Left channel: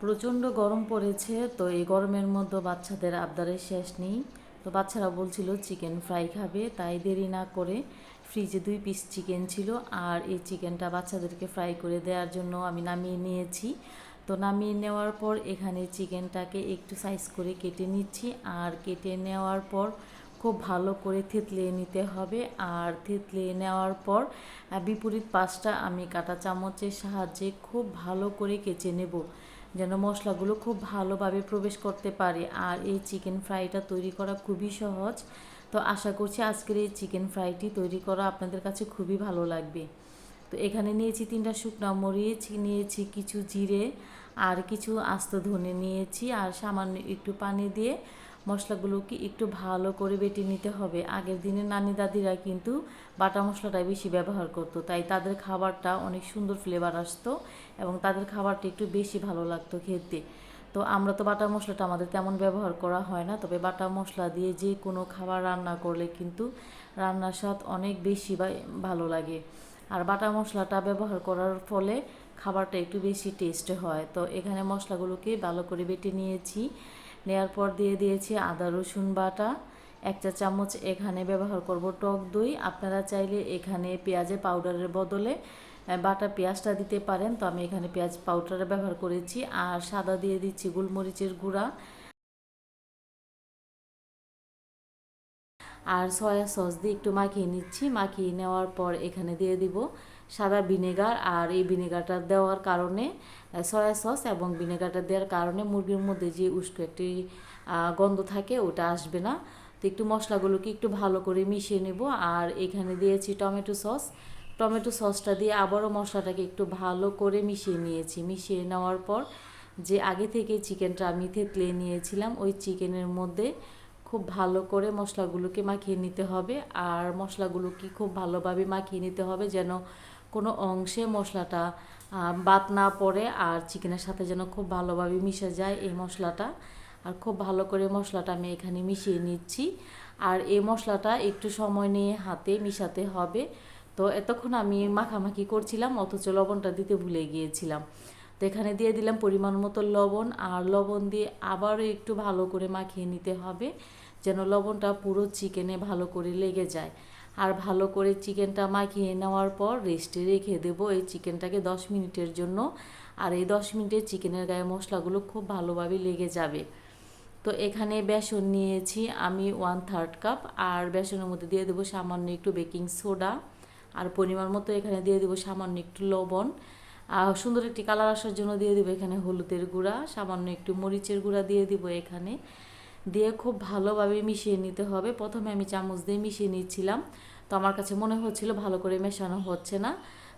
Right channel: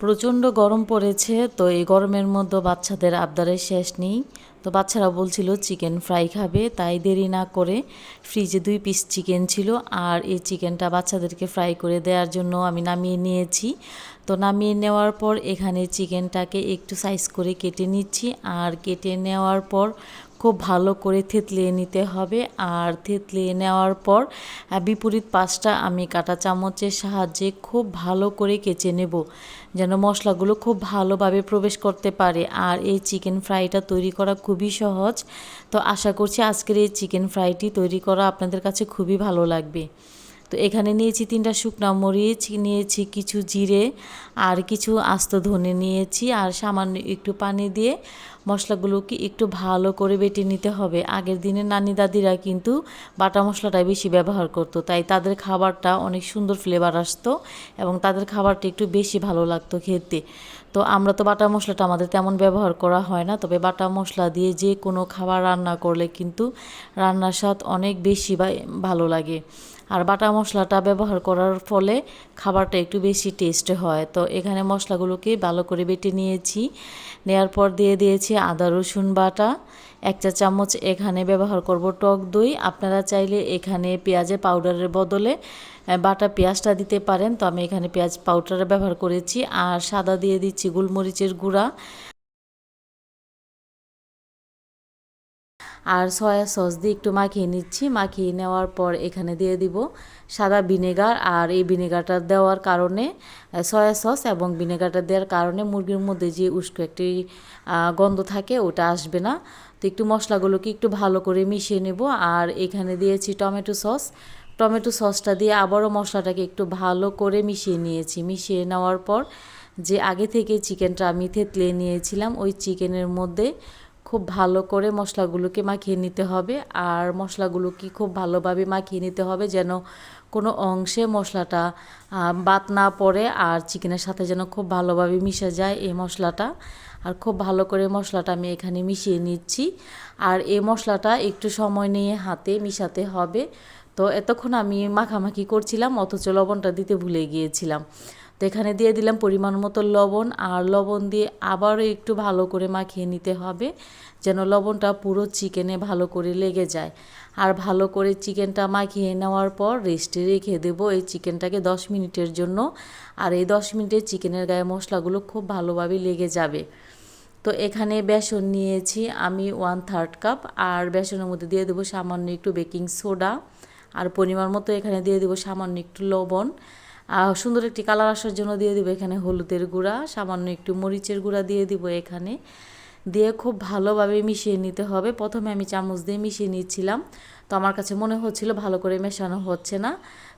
প্রচণ্ড গরম পড়েছে, তো এই গরমের মধ্যে বাচ্চাদের আবদারের শেষ নেই। তো বাচ্চারা বলছিল, চিকেন ফ্রাই খাবে। তাই দেরি না করে ফ্রিজে দুই পিস চিকেন ছিল আর এই চিকেনটা বাচ্চাদেরকে ফ্রাই করে দেওয়ার জন্য আমি নামিয়ে নিয়েছি। তো নামিয়ে নেওয়ার পর এখানে চিকেনটাকে একটু সাইজ করে কেটে নিচ্ছি আর কেটে নেওয়ার পর খুব ভালো করে থেতলিয়ে নিতে হবে। আর থেতলিয়ে নেওয়ার পর বিপরীত পাশটা আমি কাঁটা চামচের সাহায্যে খুব ভালো করে কেচে নেব, যেন মশলাগুলো খুব ভালোভাবে প্রবেশ করতে পারে। আর এই চিকেন ফ্রাইটা তৈরি করা খুবই সহজ। তো আশা করছি আজকের এই চিকেন ফ্রাইটি তৈরি করা আপনাদের কাছে খুবই ভালো লাগবে। তো এখানে নিয়েছি তিনটা শুকনো মরিচ, নিয়েছি কিছু জিরে আর কিছু আস্ত ধনে নিয়েছি। আর সামান্য একটু পানি দিয়ে মশলাগুলোকে একটু ভালো করে বেটে নিতে হবে। আগের দিনে নানি দাদিরা কিন্তু বাটা মশলাটাই বেশি ব্যবহার করতো, তাই তাদের খাবারটা অনেক সুন্দর ফ্লেভার আসতো এবং তাদের খাবারটা একটু বেশি ভালো লাগতো খেতে। তো আমরা তো বাটা মশলাটা আমাদের তেমন ব্যবহার করা হয় না, তবে বাটা মশলা দিয়ে যে কোনো খাবার রান্না করলে কিন্তু রান্নার স্বাদ অনেক বেশি ভালো লাগে। আর বাটা মশলাটা ব্যবহার করার ফলে খাবারটা একটু বেশি টেস্ট হয়। তো এখানে মশলাগুলোকে ভালো করে বেটে নিয়েছি, নেয়ার পর দিয়ে দিয়েছি আদা, রসুন বাটা, এক চা চামচ এখানে ব্যবহার করব টক দই। আপনারা চাইলে এখানে পেঁয়াজের পাউডারের বদলে বাটা পেঁয়াজটা দিতে পারেন। তো আমি এখানে পেঁয়াজ পাউডার ব্যবহার করেছি। আর সাদা দিয়ে দিচ্ছি গোলমরিচের গুঁড়া। আর সয়া সস দিয়ে একটু মাখিয়ে নিচ্ছি। মাখিয়ে নেওয়ার পর এখানে দিয়ে দিব সাদা ভিনেগার আর এই ভিনেগারটা দেওয়ার কারণে সয়া সস এবং ভিনেগারটা দেওয়ার কারণে মুরগির মধ্যে যে উস্কো একটি গন্ধ থাকে ওটা আসবে না। তো একটু মশলাগুলোকে একটু ভালো করে মিশিয়ে নেব আর এখানে দিয়েছি টমেটো সস। টমেটো সসটা দিয়ে আবারও মশলাটাকে একটু ভালো করে মিশিয়ে নিয়েছি। মিশিয়ে নেওয়ার পর যে আগে থেকে চিকেনটা আমি থেতলিয়ে নিয়েছিলাম, ওই চিকেনের মধ্যে খুব ভালো করে মশলাগুলোকে মাখিয়ে নিতে হবে। আর মশলাগুলোকে খুব ভালোভাবে মাখিয়ে নিতে হবে যেন কোনো অংশে মশলাটা বাদ না পড়ে আর চিকেনের সাথে যেন খুব ভালোভাবে মিশে যায় এই মশলাটা। আর খুব ভালো করে মশলাটা আমি এখানে মিশিয়ে নিচ্ছি। আর এই মশলাটা একটু সময় নিয়ে হাতে মিশাতে হবে। তো এতক্ষণ আমি মাখামাখি করছিলাম, অথচ লবণটা দিতে ভুলে গিয়েছিলাম। তো এখানে দিয়ে দিলাম পরিমাণ মতো লবণ, আর লবণ দিয়ে আবারও একটু ভালো করে মাখিয়ে নিতে হবে, যেন লবণটা পুরো চিকেনে ভালো করে লেগে যায়। আর ভালো করে চিকেনটা মাখিয়ে নেওয়ার পর রেস্টে রেখে দেবো এই চিকেনটাকে দশ মিনিটের জন্য। আর এই দশ মিনিটে চিকেনের গায়ে মশলাগুলো খুব ভালোভাবে লেগে যাবে। তো এখানে বেসন নিয়েছি আমি ওয়ান থার্ড কাপ আর বেসনের মধ্যে দিয়ে দেবো সামান্য একটু বেকিং সোডা আর পরিমাণ মতো এখানে দিয়ে দেবো সামান্য একটু লবণ। আর সুন্দর একটি কালার আসার জন্য দিয়ে দেবো এখানে হলুদের গুঁড়া, সামান্য একটু মরিচের গুঁড়া দিয়ে দিব এখানে। দিয়ে খুব ভালোভাবে মিশিয়ে নিতে হবে। প্রথমে আমি চামচ দিয়ে মিশিয়ে নিচ্ছিলাম। তো আমার কাছে মনে হচ্ছিল ভালো করে মেশানো হচ্ছে না।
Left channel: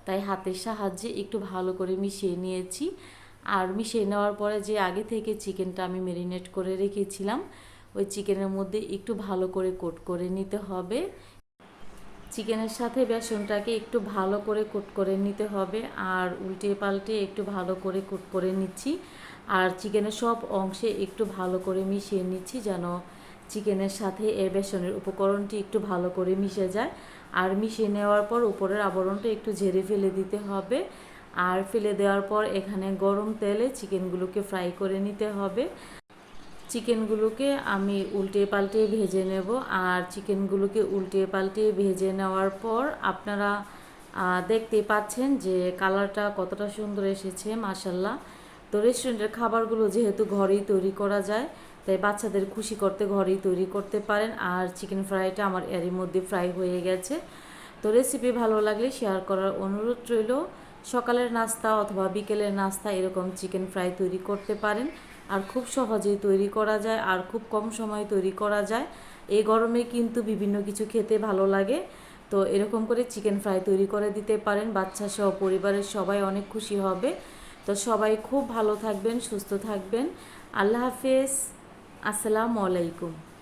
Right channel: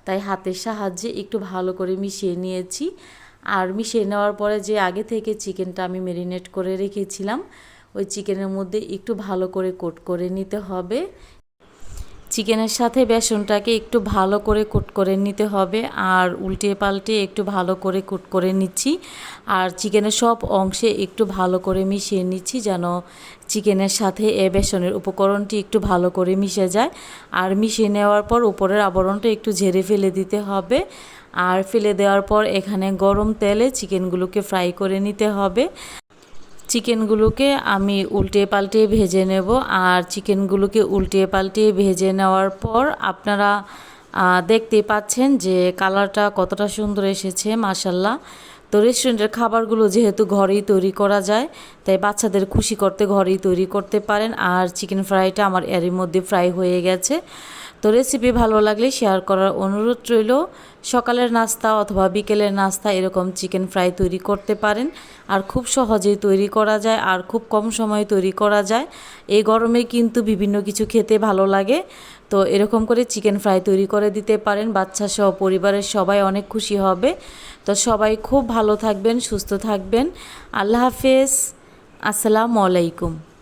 তাই হাতের সাহায্যে একটু ভালো করে মিশিয়ে নিয়েছি। আর মিশিয়ে নেওয়ার পরে যে আগে থেকে চিকেনটা আমি মেরিনেট করে রেখেছিলাম, ওই চিকেনের মধ্যে একটু ভালো করে কোট করে নিতে হবে। চিকেনের সাথে বেসনটাকে একটু ভালো করে কুট করে নিতে হবে। আর উল্টে পাল্টে একটু ভালো করে কুট করে নিচ্ছি। আর চিকেনের সব অংশে একটু ভালো করে মিশিয়ে নিচ্ছি যেন চিকেনের সাথে এ বেসনের উপকরণটি একটু ভালো করে মিশে যায়। আর মিশিয়ে নেওয়ার পর উপরের আবরণটা একটু ঝেড়ে ফেলে দিতে হবে। আর ফেলে দেওয়ার পর এখানে গরম তেলে চিকেনগুলোকে ফ্রাই করে নিতে হবে। চিকেনগুলোকে আমি উল্টে পাল্টে ভেজে নেব আর চিকেনগুলোকে উল্টে পাল্টে ভেজে নেওয়ার পর আপনারা দেখতে পাচ্ছেন যে কালারটা কতটা সুন্দর এসেছে মাসাল্লাহ তো রেস্টুরেন্টের খাবারগুলো যেহেতু ঘরেই তৈরি করা যায়, তাই বাচ্চাদের খুশি করতে ঘরেই তৈরি করতে পারেন। আর চিকেন ফ্রাইটা আমার এরই মধ্যে ফ্রাই হয়ে গেছে। তো রেসিপি ভালো লাগলে শেয়ার করার অনুরোধ রইল। সকালের নাস্তা অথবা বিকেলের নাস্তা এরকম চিকেন ফ্রাই তৈরি করতে পারেন। আর খুব সহজেই তৈরি করা যায় আর খুব কম সময়ে তৈরি করা যায়। এই গরমে কিন্তু বিভিন্ন কিছু খেতে ভালো লাগে। তো এরকম করে চিকেন ফ্রাই তৈরি করে দিতে পারেন। বাচ্চা সহ পরিবারের সবাই অনেক খুশি হবে। তো সবাই খুব ভালো থাকবেন, সুস্থ থাকবেন। আল্লাহ হাফেজ। আসসালামু আলাইকুম।